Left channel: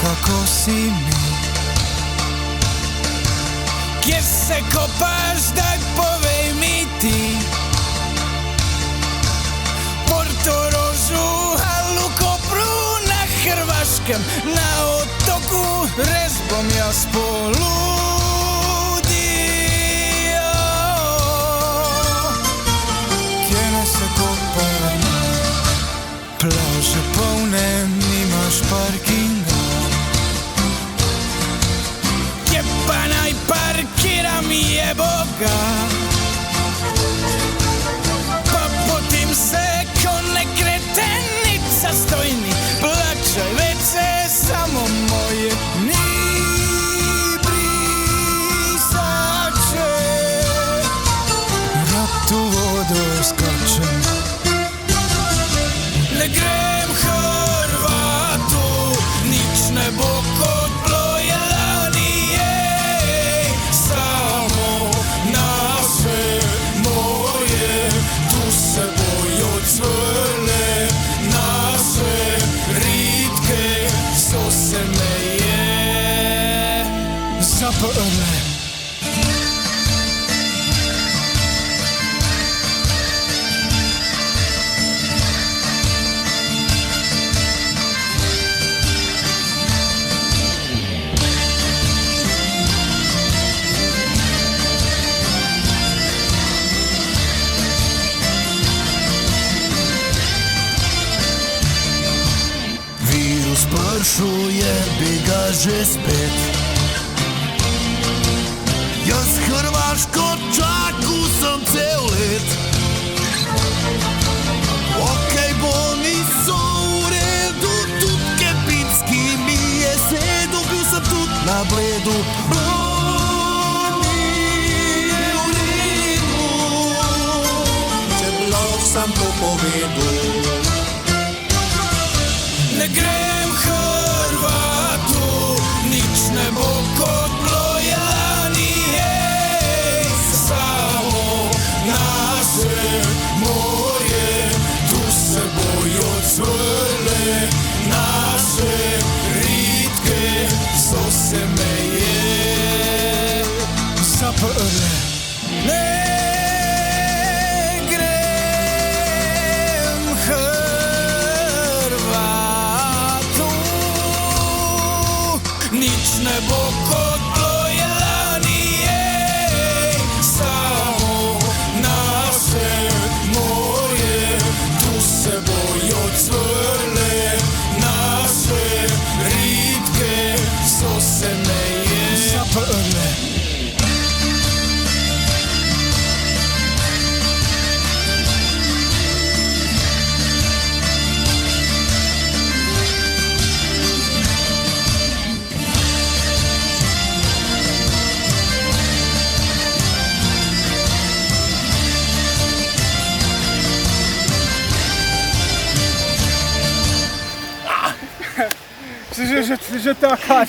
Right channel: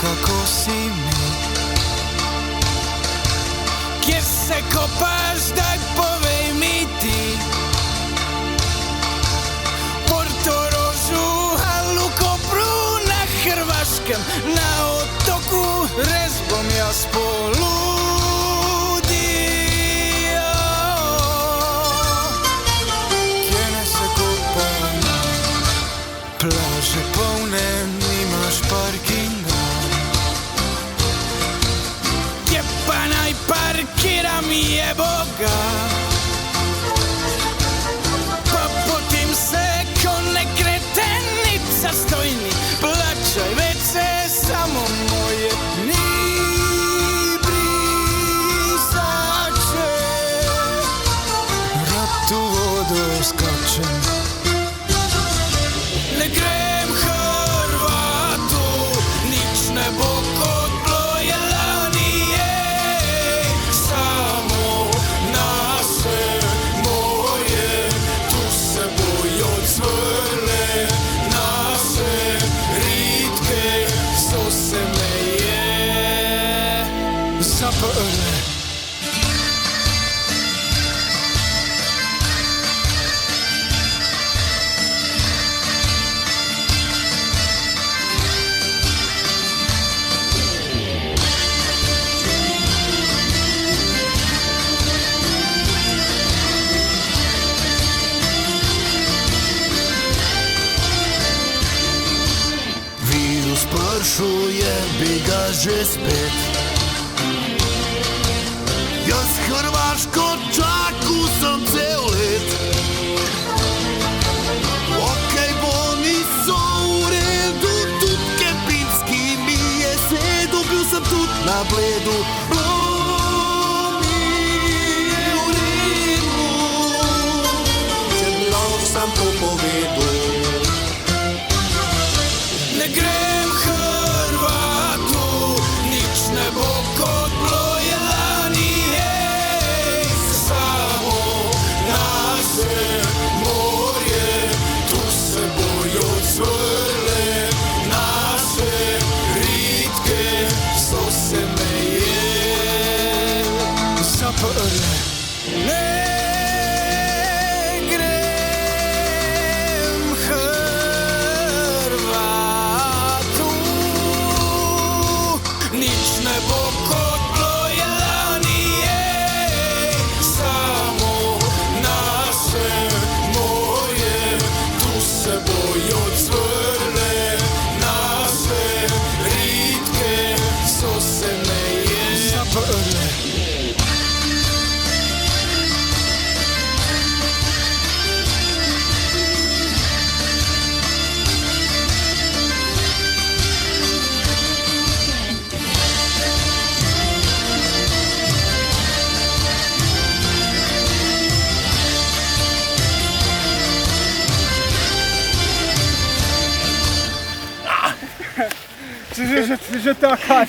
kako si mi. Kje se kopaš, daj povej mi ti. Portorožu, Halu, Kopru, na Hrvaškem, na otoku, res bom jaz poludio. Kje ne se kopamo, plaže polne, nimaš parkinga. Kje pa naj parkiram, je Boga? Pa potem se ko ne kretenica stojni, plačaj vece samo moje ni brisače. Rad u vodu skačem, ne grem Hrvatu, nič ne bo kot bloje lani, samo naše morje, tu se bojo cvrle, naše ritke so se meje zaprle. Spršuje, bi ga že spet. Jaz Hrvaško čaku sem cel let. Okej, bolni so v redu, tudi Kempinski mi je sedel, bil sem tudi na Bledu. Bolni je v redu, če bi lahko sam to povedal. Ne grem Hrvatu, nič ne bo kot bloje lani, samo naše morje, tu se bojo cvrle, naše ritke so se meje zaprle. Ne grem Hrvatu, nič ne bo kot bloje lani, samo naše morje, tu se bojo cvrle, naše ritke so se meje zaprle. Že taka